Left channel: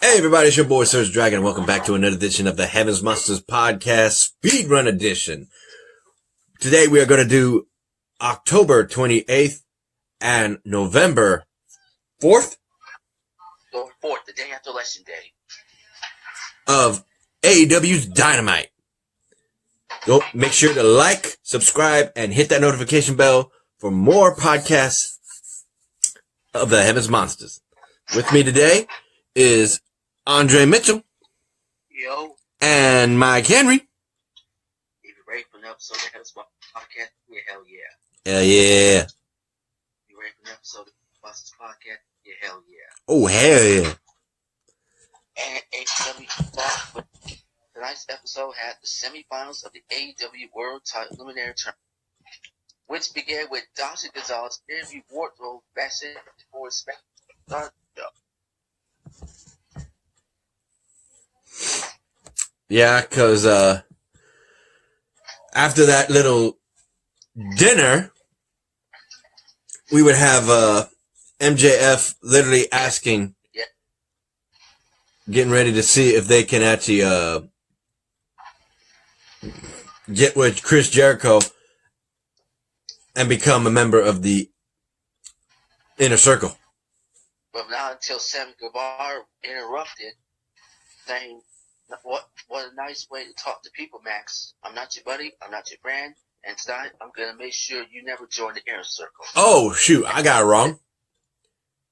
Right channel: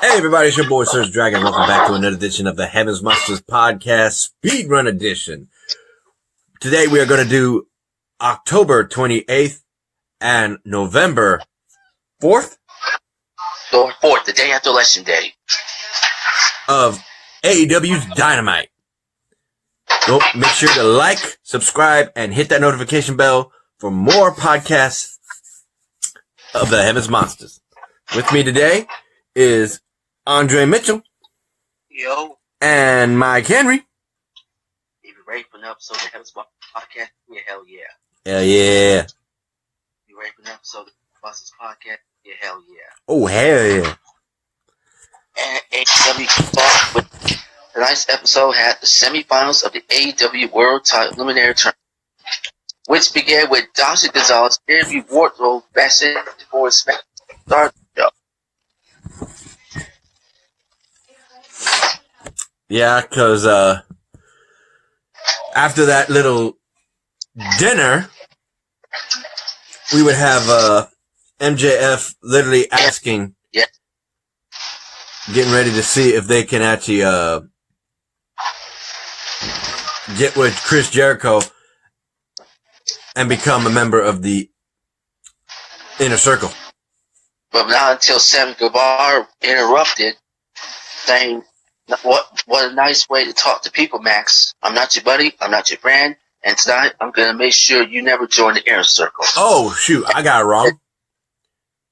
Hey everybody, it's your boy Surge Dragon. Welcome back to another edition of the Heavens Monsters Podcast Speedrun Edition. Today we are going to do October 28th and November 4th? 4th, the day after Election Day. Of AEW's Dynamite. Go make sure to like, subscribe, and hit that notification bell for more podcasts of the Heavens Monsters. With me today is Andre Mitchell. Yo. And Mike Henry. If you're ready for an episode of the Heavens Monsters Podcast, yeah, hell yeah. Hell yeah. You ready for an episode of the Monsters Podcast? Yeah, hell yeah. Oh, hell yeah. And AEW with tonight's episode had the semifinals of the AEW World Title Eliminator Tournament, which began with Dawson Gonzalez interview Wardlow backstage before his start the show. Yeah, because after that little dinner, we would have MJF literally asking, getting ready to see if they can actually get with Chris Jericho and become a member of the Inner Circle. But not until Sam Guevara interrupted, saying, what a nice way to talk to people, Max. I'm not your buddy, I'm not your friend, and tonight I'm going to make sure you never join the Inner Circle. Oh, shoot, I got it wrong.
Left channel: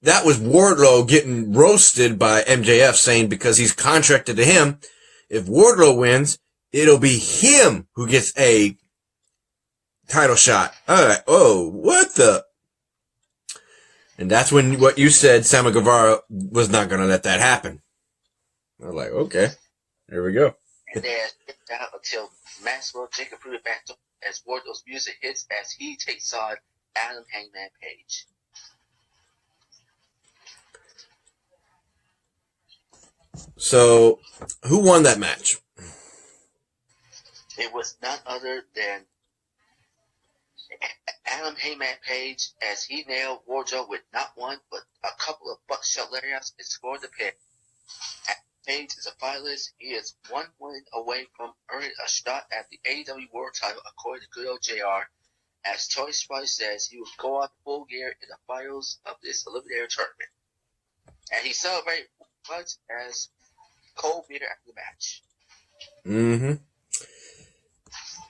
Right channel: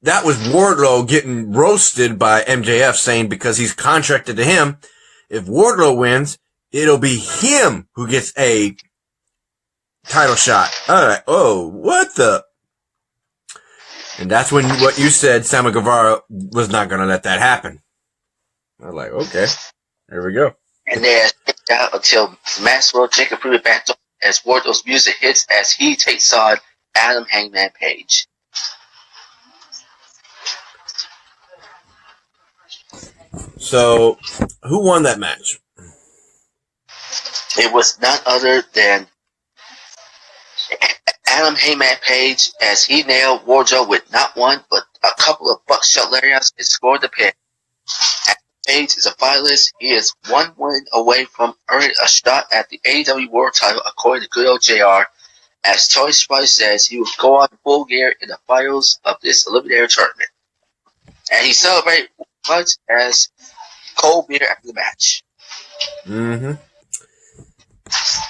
That was Wardlow getting roasted by MJF, saying because he's contracted to him, if Wardlow wins, it'll be him who gets a title shot. Alright, oh, what the? And that's when what you said, Sammy Guevara was not going to let that happen. I was like, okay, there we go. And then out until Maxwell Jacob proved it back as Wardlow's music hits as he takes on Adam Hangman Page. So, who won that match? It was none other than Adam Hangman Page as he nailed Wardlow with not one, but a couple of buckshot lariats and scored the pin. Page is a finalist. He is one win away from earning a shot at the AEW World Title, according to good old JR. As Tony Spice says, he will go on full gear in the finals of this Eliminator tournament. And he celebrated much as cold beer after the match. Mm-hmm.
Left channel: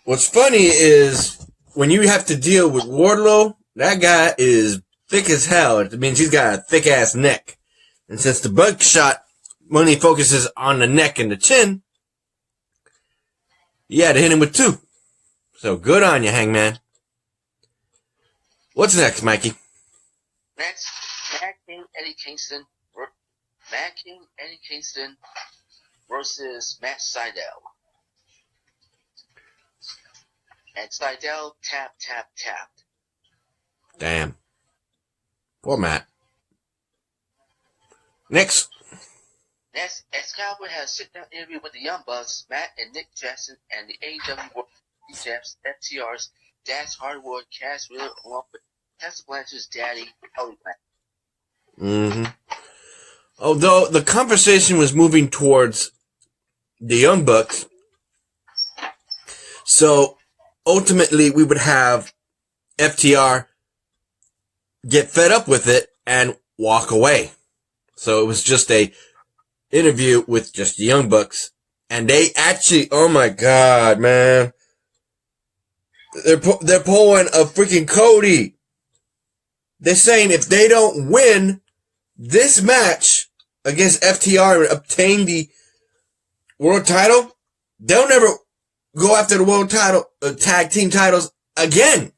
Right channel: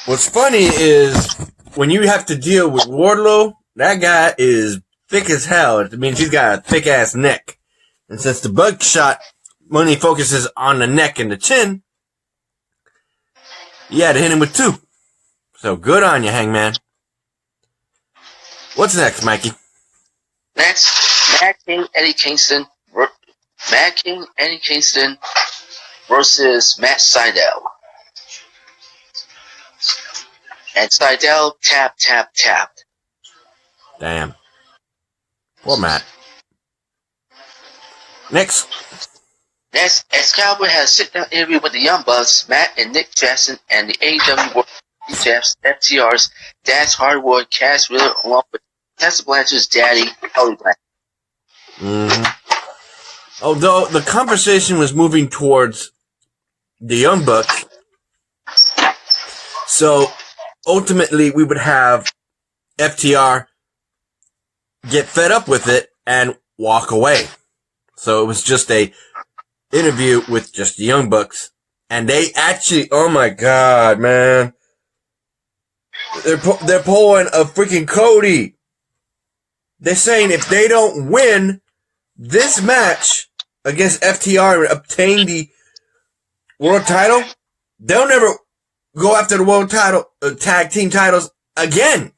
What's funny is when you have to deal with Wardlow, that guy is thick as hell. It means he's got a thick ass neck. And since the buckshot only focuses on the neck and the chin, you had to hit him with two. So good on you, Hangman. What's next, Mikey? Next, Mad King Eddie Kingston versus Matt Sydal. And Sydal tapped. Damn. Poor Matt. Next, Excalibur had a sit-down interview with the Young Bucks, Matt and Nick Jackson, and the AEW World Champs, FTR's Dax Hardwood, Cass Wheeler, along with Tessa Blanchard's daddy, Cody Blanchard. Mm-hmm. Although the conversation was moving towards the Young Bucks, so ultimately we would have FTR get fed up with it and walk away. So it was just a interview with just the Young Bucks, and they actually, oh my god, man, they're pulling a freaking Cody. They're saying if they don't win this match against FTR and obtain the world title, they'll never go after the world title, tag team titles again.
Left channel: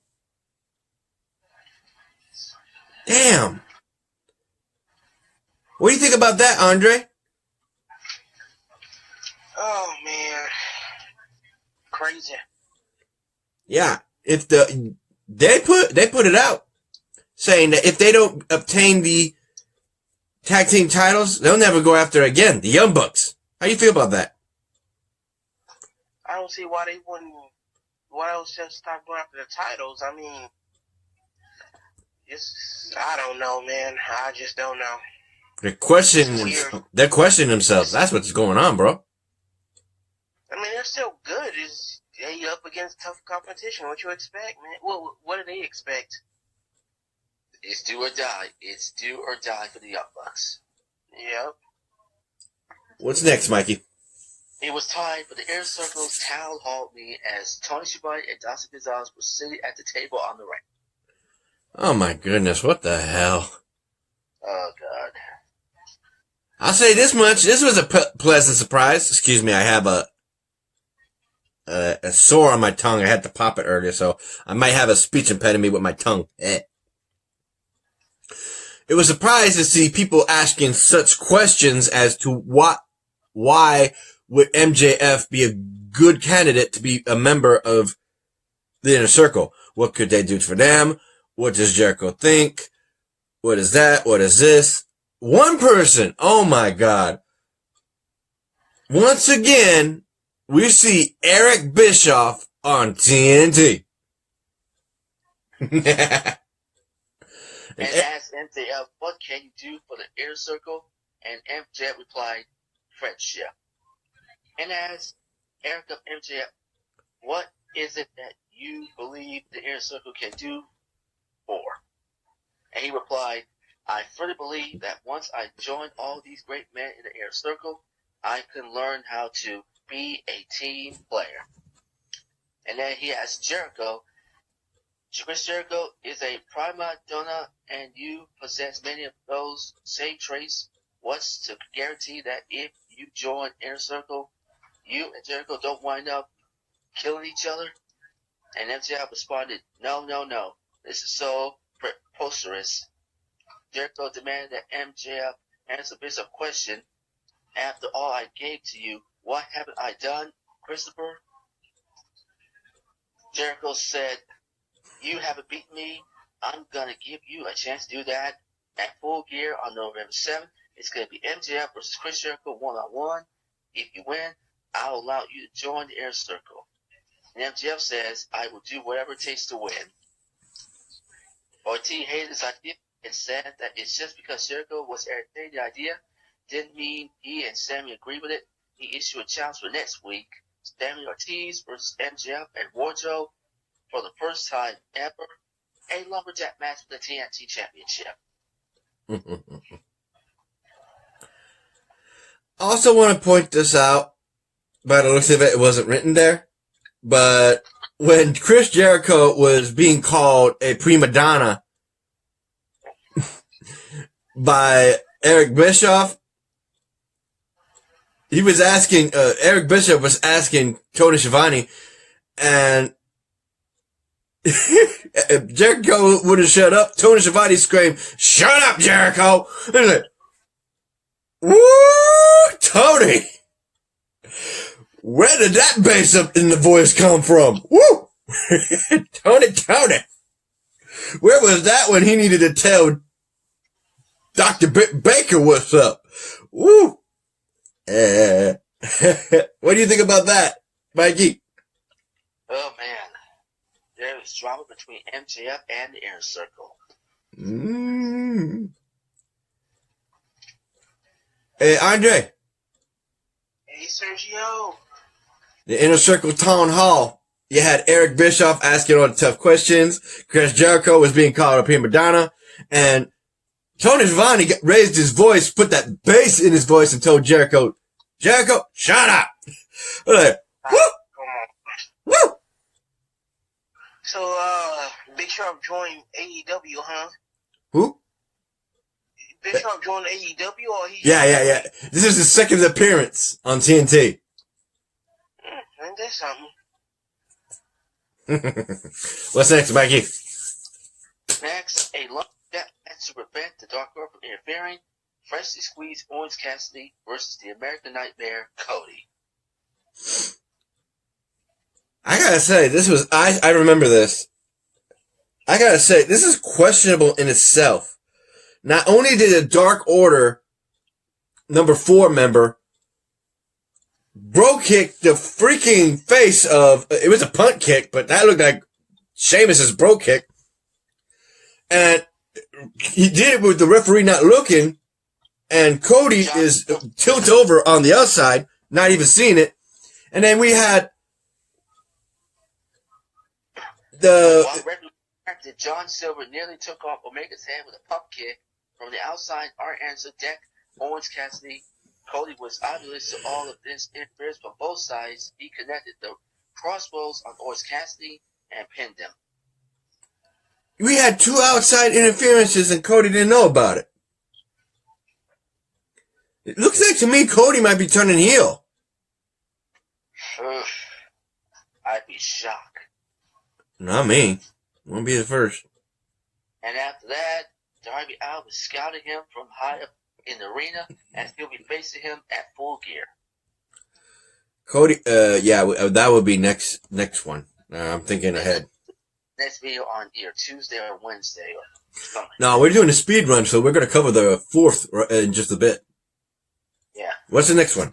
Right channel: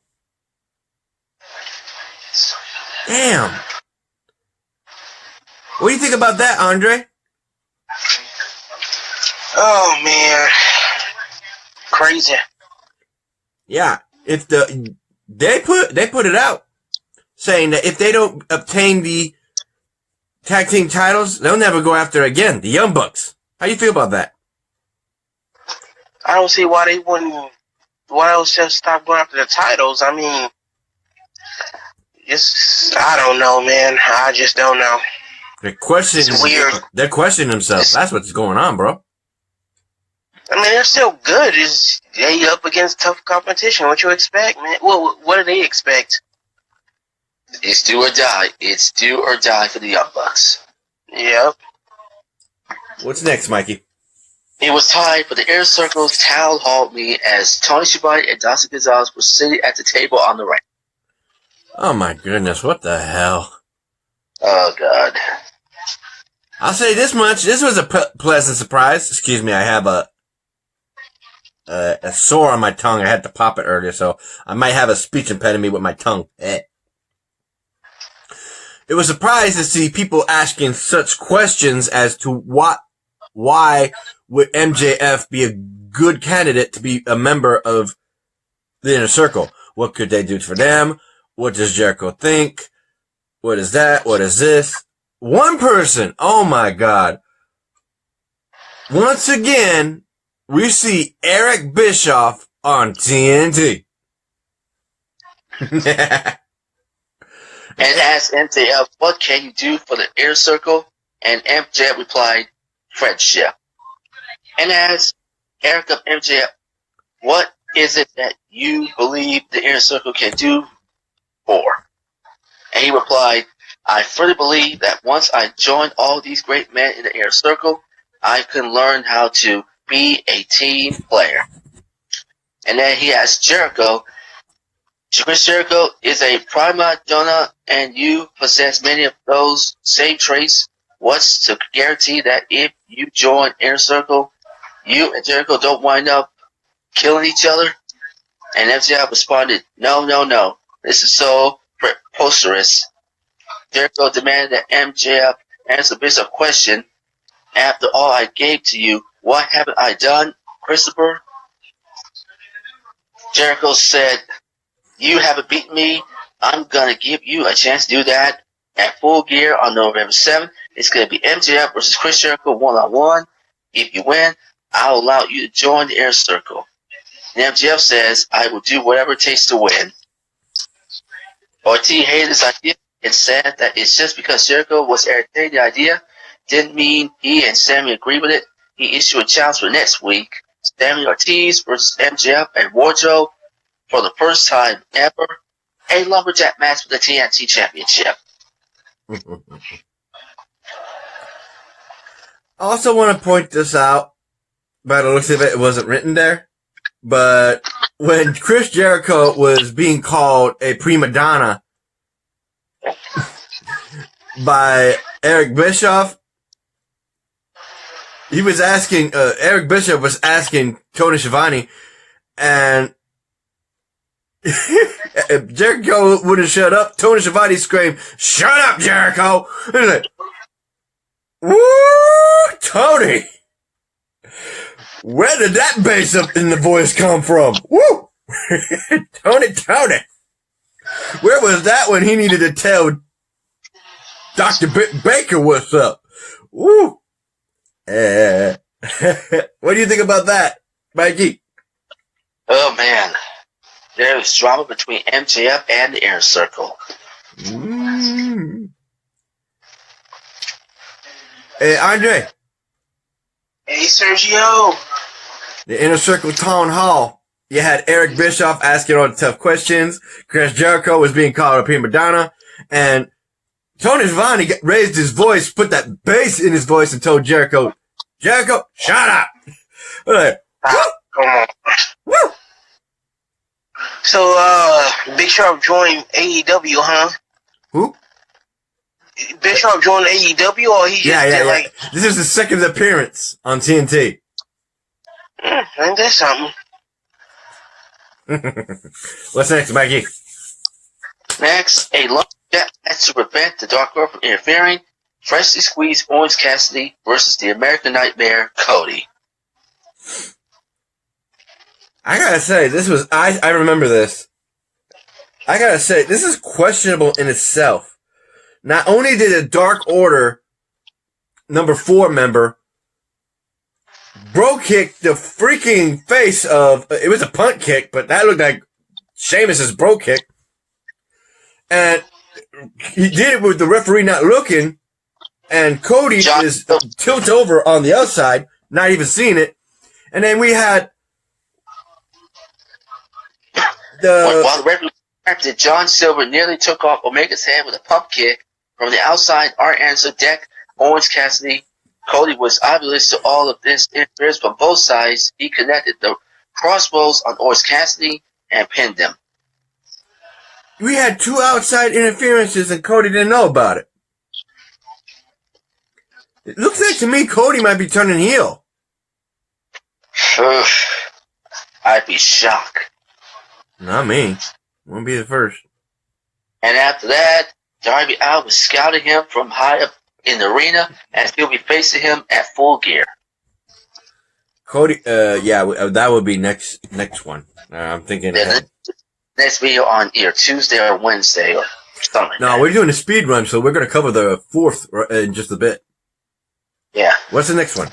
Damn. What do you think about that, Andre? Oh man, crazy. Yeah, if they put it out saying that if they don't obtain the tag team titles, they'll never go after again the Young Bucks. How do you feel about that? I don't see why they wouldn't. Why else just stop going after the titles? I mean, I don't know, man. I just don't know. They're questioning, It's weird. they're questioning themselves. That's what's going on, bro. I mean, they're still good. It's they up against tough competition. What you expect, man? Well, what do they expect? It's do or die. It's do or die for the Young Bucks. Yep. What's next, Mikey? It was time for the Inner Circle's town hall meeting as Tony Schiavone and Dawson Gonzalez were sitting at the table on the ramp. Oh my goodness, what the hell? Oh, God. I'll say this much. This was a pleasant surprise. Excuse me, I have a sore on my tongue. I had to pop it earlier, so I might have a speech impediment with my tongue. It was a surprise to see people asking such questions as to why would MJF be a good candidate to be a member of the Inner Circle? What could they do for them? What does Jericho think? What is that? What is this? One person, oh my God. Once again, we see Eric Bischoff on TNT. And asked MJF, what can you do for the Inner Circle? And MJF replied, friendship. And asked Eric of MJF, what is it that you believe the Inner Circle can do for? And he replied, I fully believe that once I join all these great men in the Inner Circle, I can learn how to be a team player. And then he asked Jericho, Chris Jericho is a prima donna and you possess many of those same traits. What's to guarantee that if you join Inner Circle, you and Jericho don't wind up killing each other? And MJF responded, no. This is so preposterous. Jericho demanded that MJF answer the basic question. After all I gave to you, what haven't I done, Christopher? Jericho said, you haven't beaten me. I'm going to give you a chance to do that at Full Gear on November 7th. It's going to be MJF versus Chris Jericho one-on-one. If you win, I'll allow you to join the Inner Circle. And MJF says, I will do whatever it takes to win. Ortiz hated this idea and said that it's just because Jericho was entertaining the idea didn't mean he and Sammy agreed with it. He issued a challenge for next week. Sammy Ortiz versus MJF and Wardrobe for the first time ever. A lumberjack match for the TNT Championship. I also want to point this out. By the looks of it, it wasn't written there. But when Chris Jericho was being called a prima donna by Eric Bischoff, he was asking, Eric Bischoff was asking Tony Schiavone, and if Jericho wouldn't shut up, Tony Schiavone screamed, shut up, Jericho! And he's like, woo, Tony! Where did that bass up in the voice come from? Woo! Tony! Where was that when he needed to tell Dr. Baker what's up? Woo! What do you think about that, Mikey? Oh, man. There's drama between MJF and the Inner Circle. Hey, Andre. Hey, Sergio. The Inner Circle Town Hall. You had Eric Bischoff asking all the tough questions. Chris Jericho was being called a prima donna. And Tony Schiavone raised his voice, put that bass in his voice and told Jericho, Jericho, shut up. Like, woo! Come on. Woo! So, Bischoff joined AEW, huh? Who? Bischoff joined AEW, or he just Yeah. like, This is his second appearance on TNT. ain't that something? What's next, Mikey? Next, a lumberjack match to prevent the Dark Order from interfering. Freshly squeezed Orange Cassidy versus the American Nightmare, Cody. I gotta say, this was, I remember this. I gotta say, this is questionable in itself. Not only did the Dark Order number 4 member bro kick the freaking face of, it was a punt kick, but that looked like Sheamus's bro kick. And he did it with the referee not looking. And Cody is tilt over on the outside, not even seeing it. And then we had while the referee acted, John Silver nearly took off Omega's head with a pump kick from the outside. Art Anderson decked Orange Cassidy. Cody was oblivious to all of this interference from both sides. He connected the crossbows on Orange Cassidy and pinned him. We had 2 outside interferences and Cody didn't know about it. It looks like to me Cody might be turning heel. I'd be shocked. Not me. Won't be the first. And after that, Darby Allin was scouting him from high up in the arena, and he'll be facing him at Full Gear. Cody, that would be next one. I'm thinking ahead. Next video on either Tuesday or Wednesday or something. No, we're doing a speed run, so we're going to cover the 4th in just a bit. Yeah. What's the next one?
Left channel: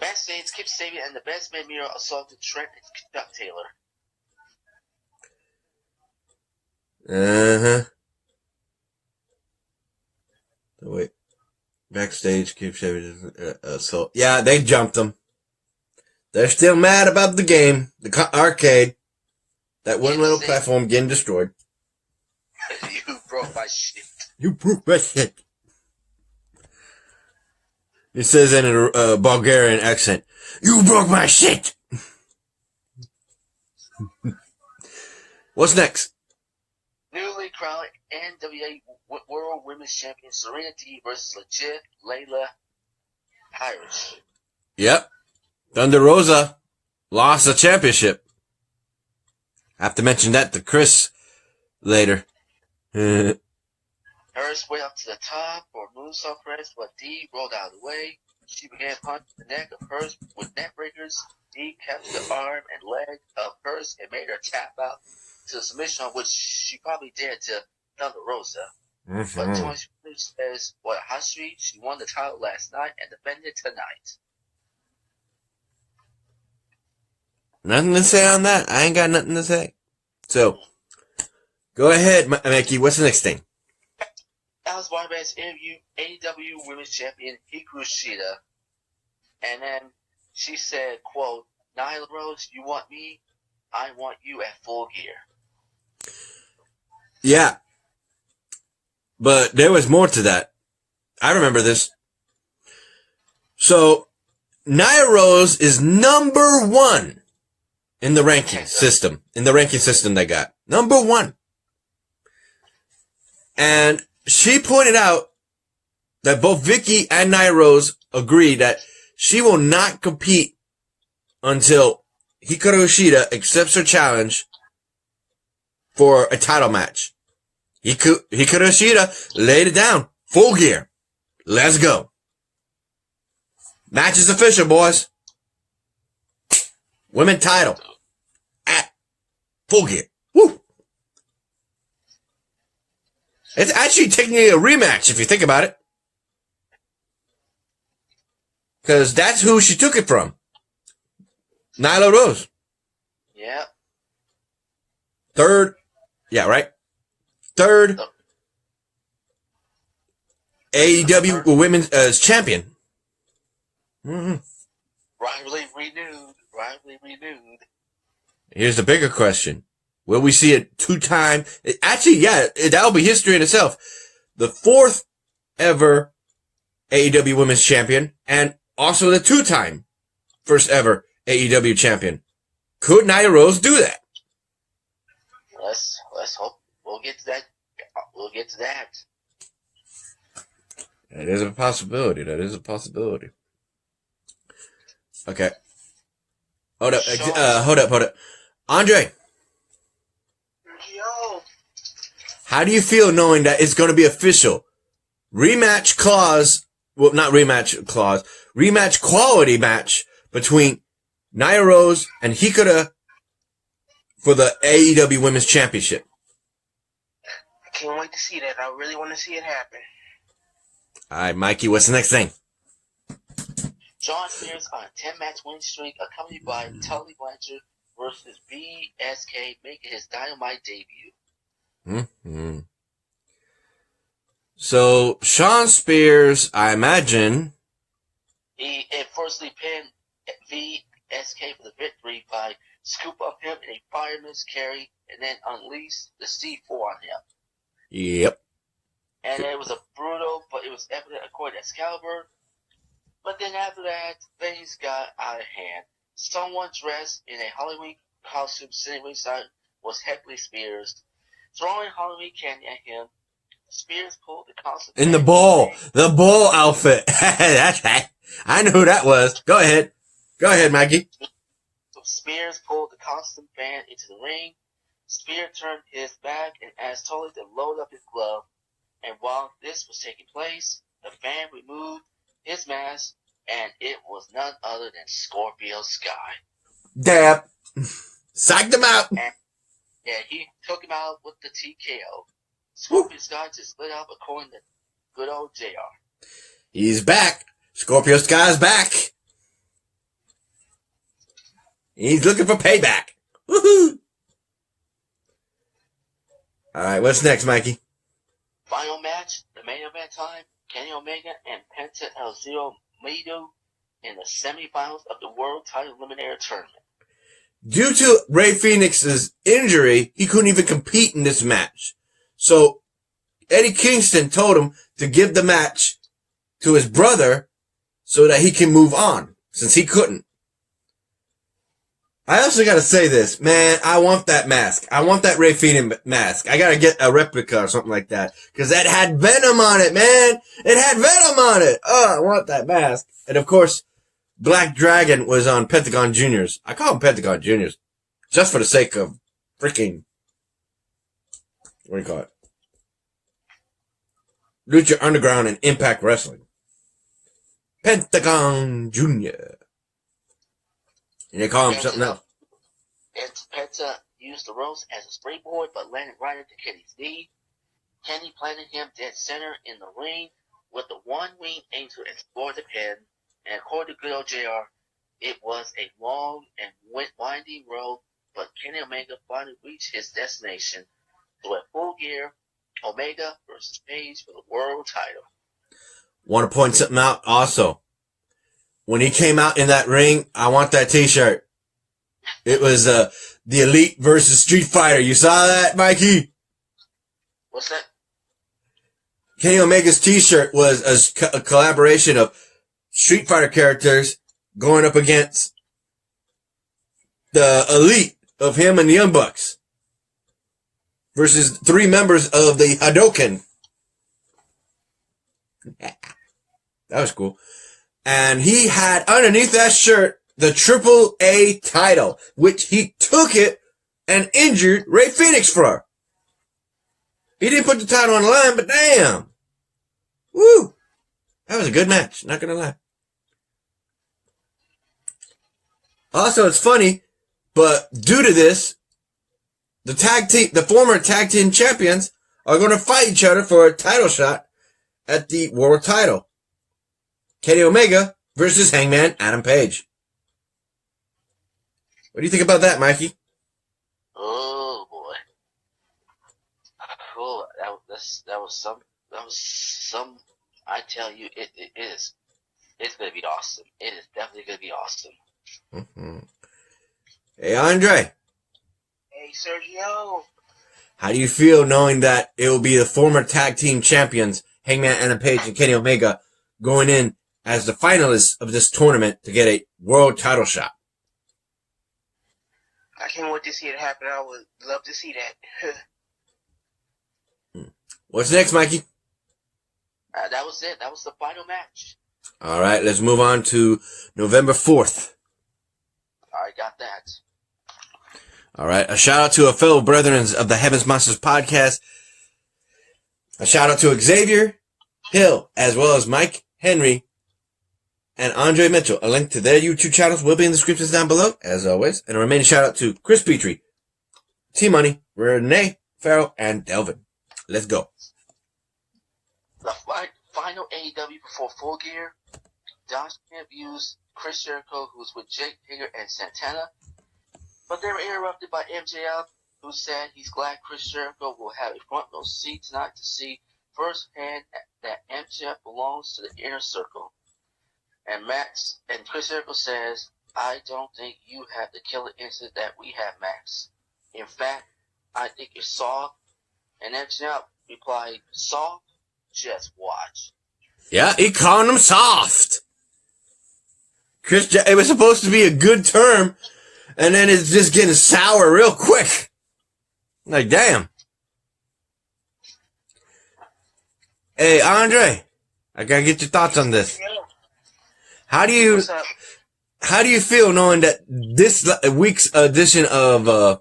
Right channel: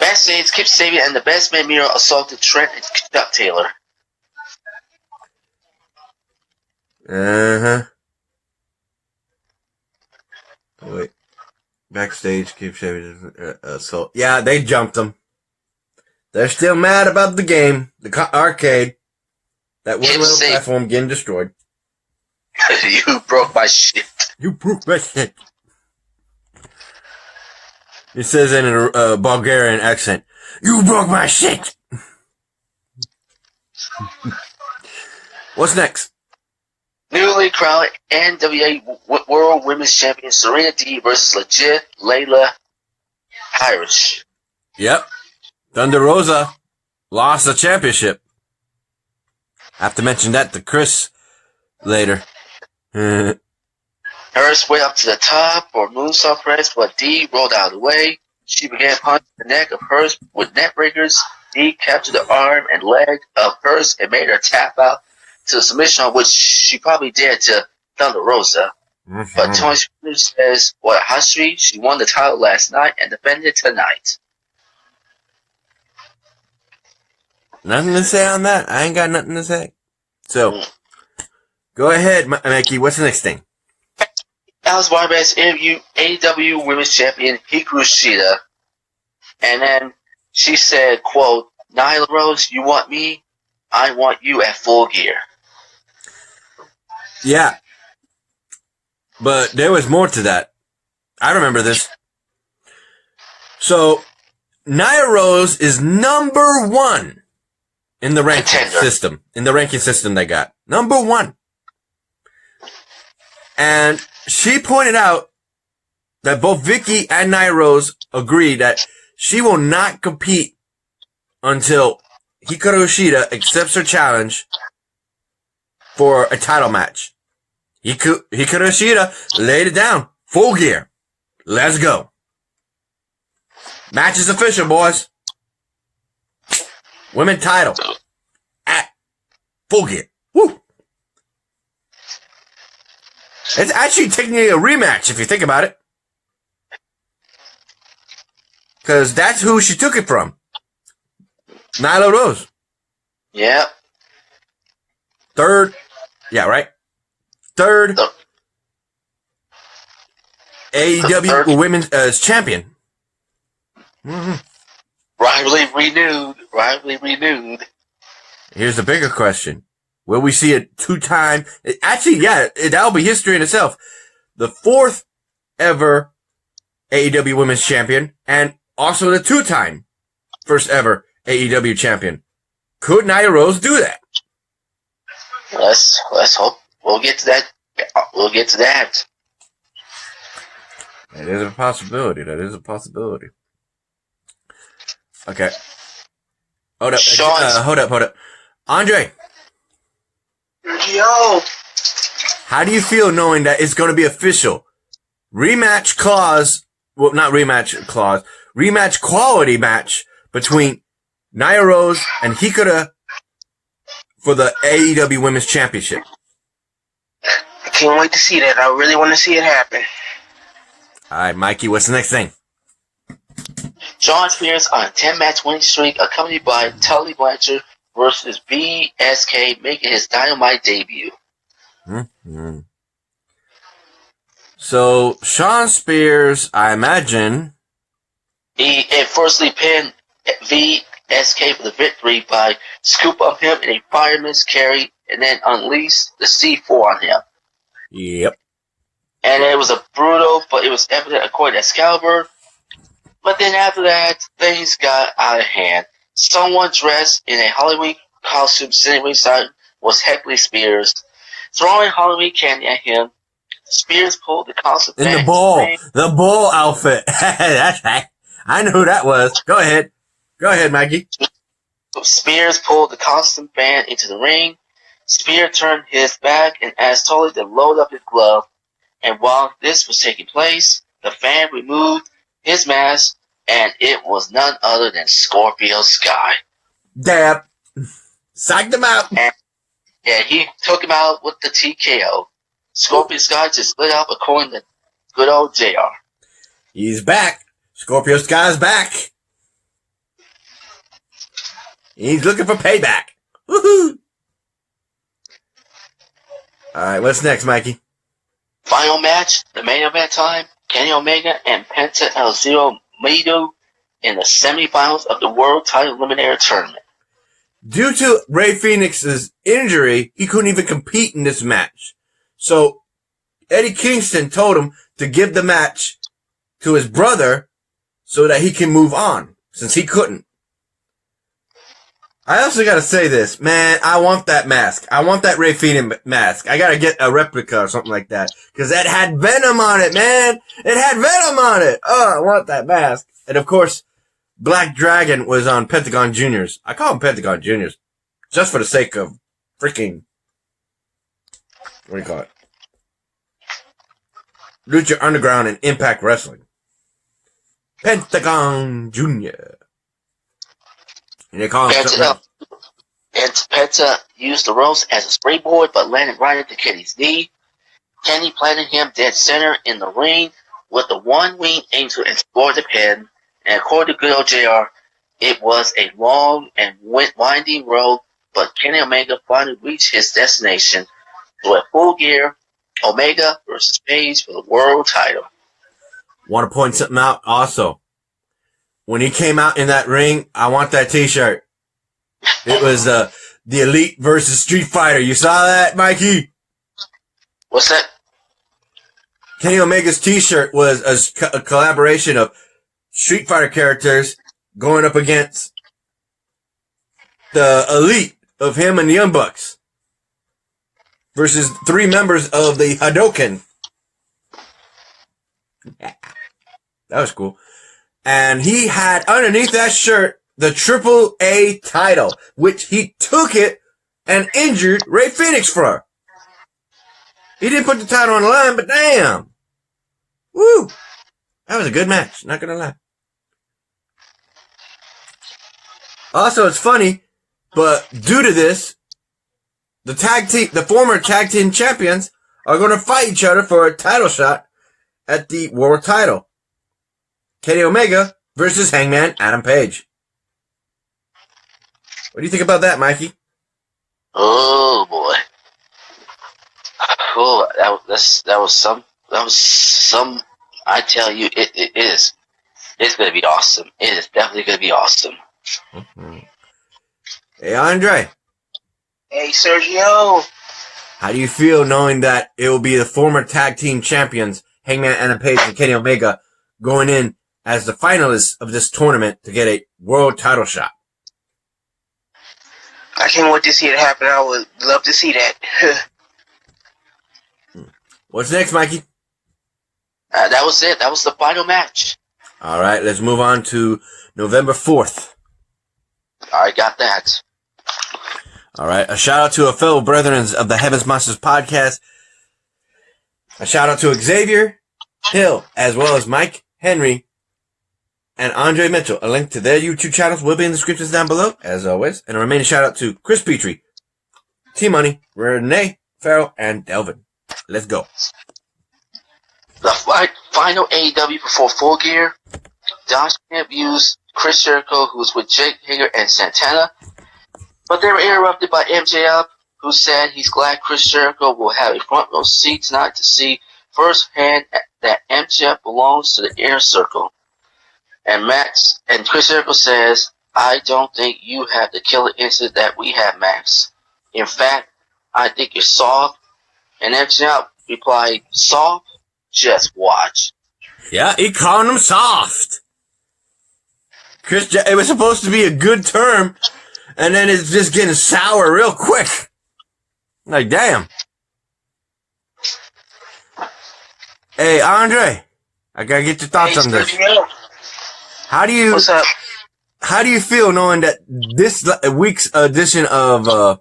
Backstage, Kip Sabian and the Best Man Miro assaulted Trent and Chuck Taylor. Uh-huh. Oh, wait. Backstage, Kip Sabian assault. Yeah, they jumped him. They're still mad about the game, the arcade. That one little platform getting destroyed. You broke my shit. You broke my shit. He says in a Bulgarian accent, "You broke my shit." What's next? Newly crowned NWA World Women's Champion Serena Deeb versus legit Layla Hirsch. Yep. Thunder Rosa lost the championship. I have to mention that to Chris later. Hirsch went up to the top for moonsault press, but Dee rolled out of the way. She began punching the neck of Hirsch with net breakers. Dee captured the arm and leg of Hirsch and made her tap out to the submission, which she probably did to Thunder Rosa. Mm-hmm. But Tony Spears says, "What a hot streak! She won the title last night and defended it tonight." Nothing to say on that. I ain't got nothing to say. So, go ahead, Mikey. What's the next thing? Alice Barbass interviewed AEW Women's Champion Hikaru Shida, and then she said, quote, "Nyla Rose, you want me? I want you at Full Gear." Yeah. But there was more to that. I remember this. So, Nyla Rose is number 1 in the ranking system. In the ranking system they got. Number 1. And she pointed out that both Vicky and Nyla Rose agree that she will not compete until Hikaru Shida accepts her challenge for a title match. Hikaru Shida laid it down. Full Gear. Let's go. Match is official, boys. Women title at Full Gear. Woo! It's actually technically a rematch if you think about it. Because that's who she took it from. Nyla Rose. Yeah. Third. Yeah, right? Third AEW Women's Champion. Mm-hmm. Rivalry renewed. Here's the bigger question. Will we see a 2-time? Actually, yeah, that'll be history in itself. The 4th ever AEW Women's Champion and also the 2-time first ever AEW Champion. Could Nyla Rose do that? Let's hope. We'll get to that. That is a possibility. Okay. Hold up. Andre. Yo. How do you feel knowing that it's going to be official? Rematch quality match between Nyla Rose and Hikaru for the AEW Women's Championship. I can't wait to see that. I really want to see it happen. All right, Mikey, what's the next thing? Shawn Spears on a 10-match winning streak, accompanied by Tully Blanchard versus BSK, making his Dynamite debut. Mm-hmm. So, Sean Spears, I imagine... He firstly pinned VSK for the victory by scoop up him in a fireman's carry and then unleashed the C4 on him. Yep. And it was a brutal, but it was evident according to Excalibur. But then after that, things got out of hand. Someone dressed in a Halloween costume sitting ringside was heckling Spears, throwing Halloween candy at him. Spears pulled the costume In the bull outfit. That's right. I knew who that was. Go ahead, Mikey. Spears pulled the costume fan into the ring. Spear turned his back and asked Tully to load up his glove. And while this was taking place, the fan removed his mask, and it was none other than Scorpio Sky. Dab. Psyched him out. And, yeah, he took him out with the TKO. Scorpio Sky just lit up according to good old JR. He's back. Scorpio Sky's back. He's looking for payback. Woohoo! Alright, what's next, Mikey? Final match, the main event time, Kenny Omega and Penta El Zero Miedo in the semifinals of the World Title Eliminator Tournament. Due to Rey Fenix's injury, he couldn't even compete in this match. So, Eddie Kingston told him to give the match to his brother so that he can move on, since he couldn't. I also gotta say this, man, I want that mask. I want that Rey Fenix mask. I gotta get a replica or something like that. Cause that had Venom on it, man! It had Venom on it! Oh, I want that mask. And of course, Black Dragon was on Pentagon Juniors. I call him Pentagon Juniors. Just for the sake of freaking, what do you call it? Lucha Underground and Impact Wrestling. Pentagon Junior. And they call him something else. And Penta used the ropes as a springboard, but landed right into Kenny's knee. Kenny planted him dead center in the ring with the one-winged angel and scored the pin. And according to good old JR, it was a long and winding road, but Kenny Omega finally reached his destination. So at Full Gear, Omega versus Page for the world title. Want to point something out also. When he came out in that ring, I want that t-shirt. It was the Elite versus Street Fighter. You saw that, Mikey? What's that? Kenny Omega's t-shirt was a collaboration of Street Fighter characters going up against the Elite of him and the Young Bucks versus 3 members of the Hadoken. That was cool. And he had underneath that shirt the AAA title, which he took it and injured Rey Fenix for. He didn't put the title on the line, but damn. Woo! That was a good match, not gonna lie. Also, it's funny, but due to this, the former tag team champions are gonna fight each other for a title shot at the world title. Kenny Omega versus Hangman Adam Page. What do you think about that, Mikey? Oh boy! Oh, that was some. I tell you, it is. It's gonna be awesome. It is definitely gonna be awesome. Mm-hmm. Hey, Andre. Hey, Sergio. How do you feel knowing that it will be the former tag team champions, Hangman Adam Page and Kenny Omega, going in as the finalists of this tournament to get a world title shot? I can't wait to see it happen. I would love to see that. What's next, Mikey? That was it. That was the final match. All right, let's move on to November 4th. I got that. All right, a shout out to a fellow brethren of the Heavens Monsters podcast. A shout out to Xavier Hill, as well as Mike Henry and Andre Mitchell. A link to their YouTube channels will be in the descriptions down below, as always. And a remaining shout out to Chris Petrie, T-Money, Renee, Farrell, and Delvin. Let's go. The final AEW before Full Gear. Josh Camp used Chris Jericho, who's with Jake Hager and Santana. But they were interrupted by MJF, who said he's glad Chris Jericho will have a front row seat tonight to see firsthand that MJF belongs to the inner circle. And Max and Chris Jericho says, I don't think you have the killer instinct that we have, Max. In fact, I think you're soft. And MJF replied, soft? Just watch. Yeah, he called him soft. It was supposed to be a good term, and then it's just getting sour real quick. Like, damn. Hey, Andre, I gotta get your thoughts on this. How do you, What's up? how do you feel knowing that this week's edition of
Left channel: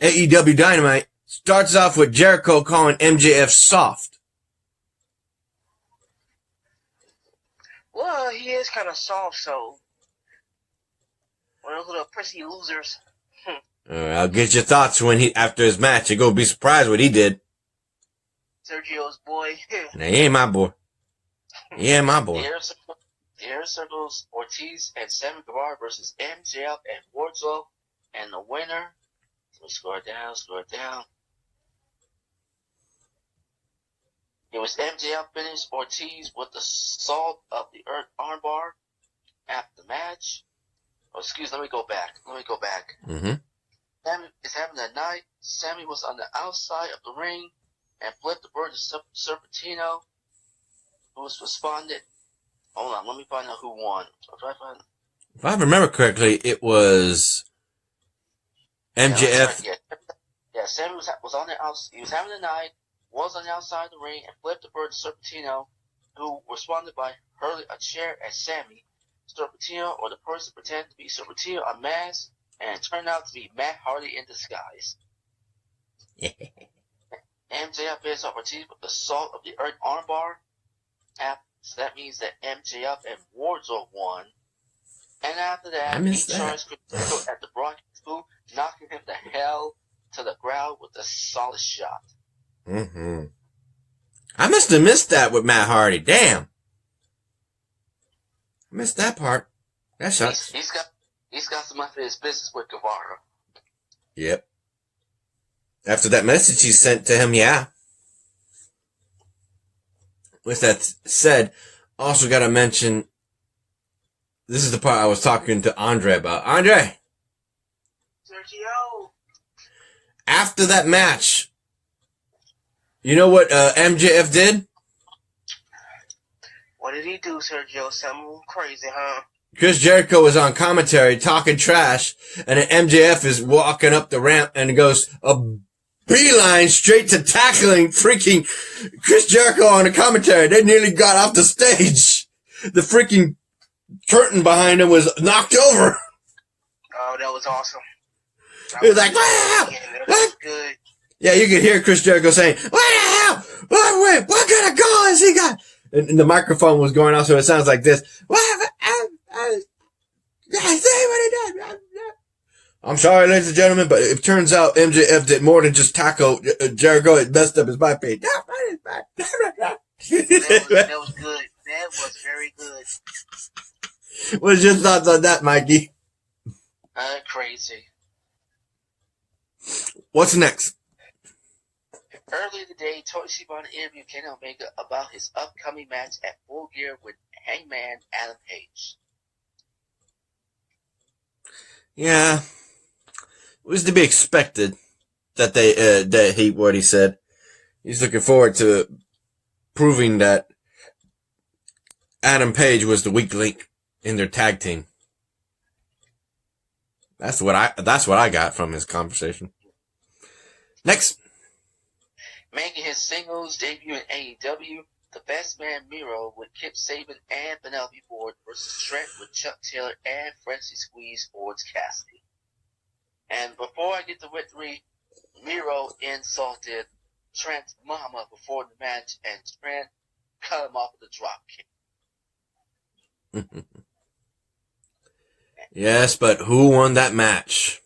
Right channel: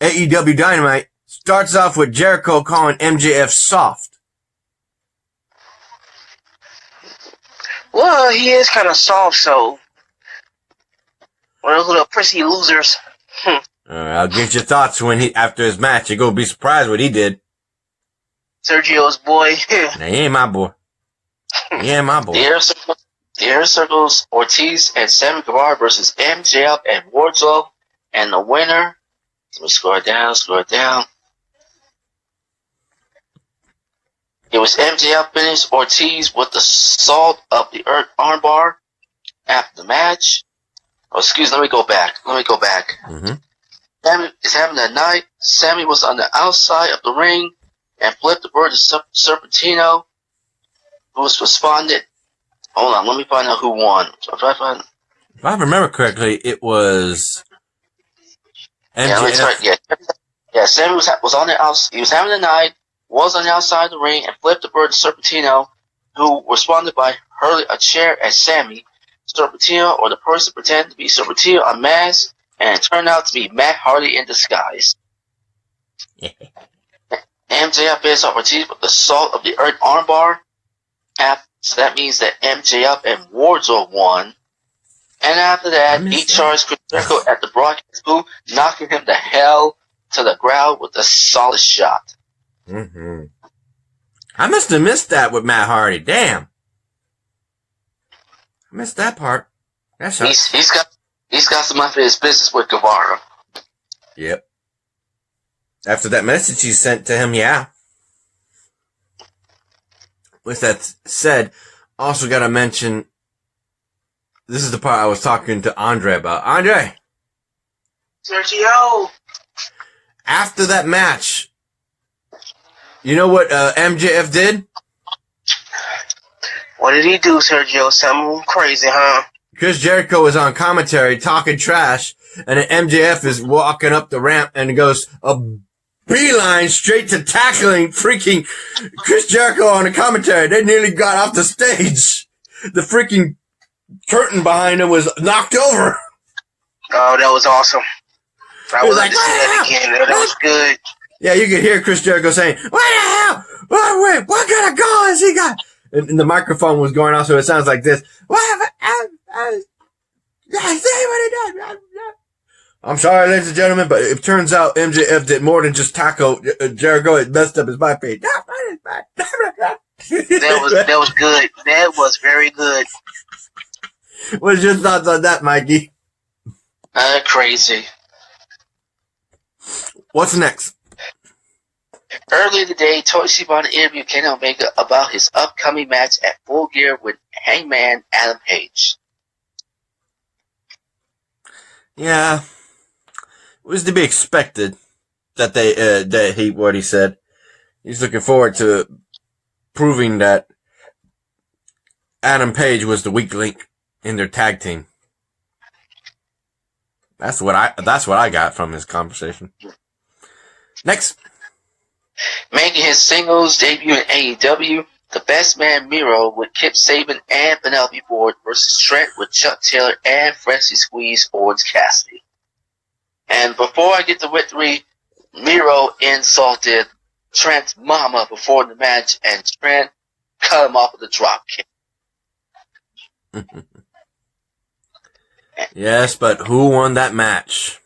AEW Dynamite starts off with Jericho calling MJF soft? Well, he is kind of soft, so one of those little prissy losers. I'll get your thoughts after his match. You're gonna be surprised what he did. Sergio's boy. Now, he ain't my boy. He ain't my boy. The Inner Circle's Ortiz and Sammy Guevara versus MJF and Wardlow. And the winner, let me scroll it down. It was MJF finished Ortiz with the salt of the earth armbar after the match. Oh, let me go back. Mm-hmm. Sammy is having a night. Sammy was on the outside of the ring and flipped the bird to Serpentino, who was responded. Hold on, let me find out who won. If I remember correctly, it was MJF. Yeah, that's right. Yeah. Sammy was on the outside. He was having a night. Was on the outside of the ring and flipped the bird to Serpentino, who responded by hurling a chair at Sammy. Serpentino, or the person pretended to be Serpentino, unmasked, and it turned out to be Matt Hardy in disguise. MJF finished off Ortiz with the salt of the earth armbar. So that means that MJF and Wardlow won. And after that, he charged Chris Jericho at the broadcast booth, knocking him the hell to the ground with a solid shot. Mm-hmm. I must have missed that with Matt Hardy. Damn. I missed that part. That sucks. He's got some unfinished business with Guevara. Yep. After that message he sent to him, yeah. With that said, also gotta mention, this is the part I was talking to Andre about. Andre! Sergio! After that match, you know what MJF did? What did he do, Sergio? Something crazy, huh? Chris Jericho was on commentary talking trash, and then MJF is walking up the ramp and goes a beeline straight to tackling freaking Chris Jericho on the commentary. They nearly got off the stage. The freaking curtain behind him was knocked over. Oh, that was awesome. He was like, what the hell? That was good. Yeah, you could hear Chris Jericho saying, what the hell? What kind of goal has he got? And the microphone was going off, so it sounds like this. I'm sorry, ladies and gentlemen, but it turns out MJF did more than just tackle Jericho. It messed up his bypass. That was good. That was very good. What's your thoughts on that, Mikey? Crazy. What's next? Earlier today, Tony Schiavone interviewed Kenny Omega about his upcoming match at Full Gear with Hangman Adam Page. Yeah, it was to be expected that what he said. He's looking forward to proving that Adam Page was the weak link in their tag team. That's what I got from this conversation. Next. Making his singles debut in AEW, the Best Man Miro with Kip Sabian and Penelope Ford versus Trent with Chuck Taylor and Freshly Squeezed Orange Cassidy. And before I get to victory, Miro insulted Trent's mama before the match, and Trent cut him off with a drop kick. Yes, but who won that match?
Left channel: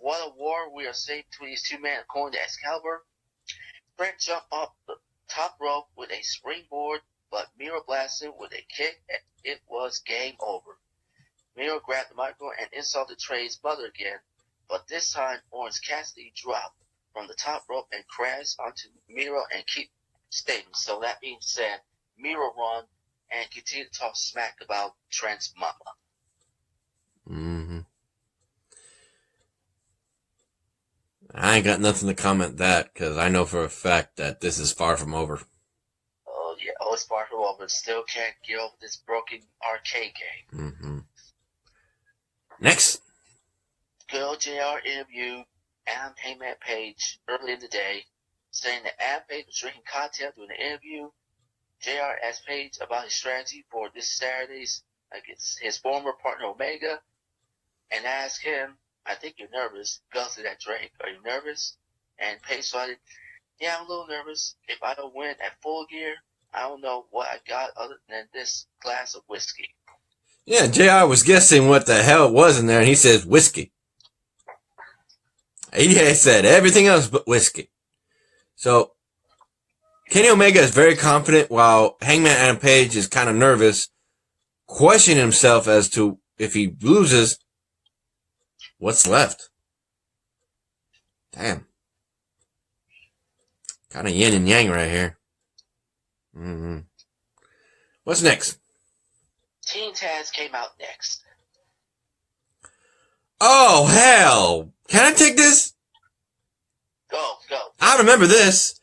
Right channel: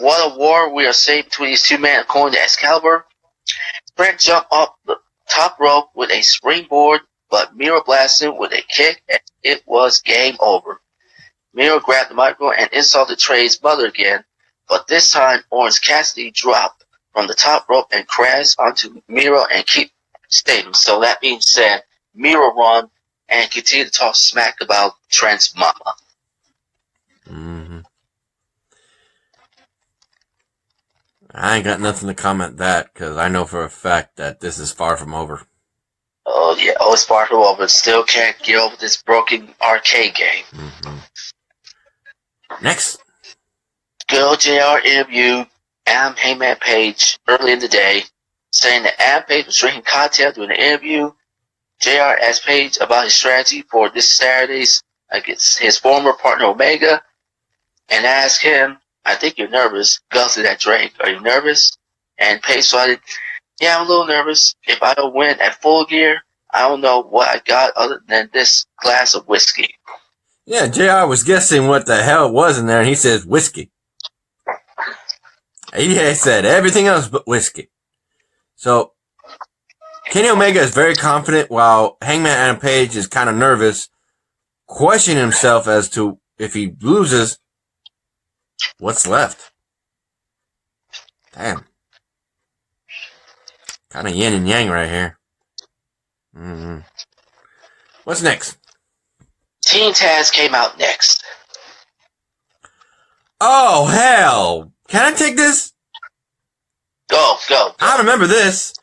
What a war we are seeing between these two men, according to Excalibur. Trent jumped off the top rope with a springboard, but Miro blasted him with a kick, and it was game over. Miro grabbed the microphone and insulted Trey's mother again, but this time Orange Cassidy dropped from the top rope and crash onto Miro and keep staying. So that being said, Miro won and continue to talk smack about Trent's mama. Mm-hmm. I ain't got nothing to comment that because I know for a fact that this is far from over. Oh yeah, it's far from over, but still can't get over this broken arcade game. Mm-hmm. Next. Girl JR interviewed Adam Heyman Page early in the day, saying that Adam Page was drinking cocktail during the interview. JR asked Page about his strategy for this Saturday's against his former partner Omega, and asked him, "I think you're nervous. Go through that drink. Are you nervous?" And Page started, "Yeah, I'm a little nervous. If I don't win at Full Gear, I don't know what I got other than this glass of whiskey." Yeah, JR was guessing what the hell it was in there, and he says whiskey. He said everything else but whiskey. So, Kenny Omega is very confident, while Hangman Adam Page is kind of nervous, questioning himself as to if he loses, what's left. Damn. Kind of yin and yang right here. Mm-hmm. What's next? Team Taz came out next. Oh, hell. Can I take this? Go. I remember this.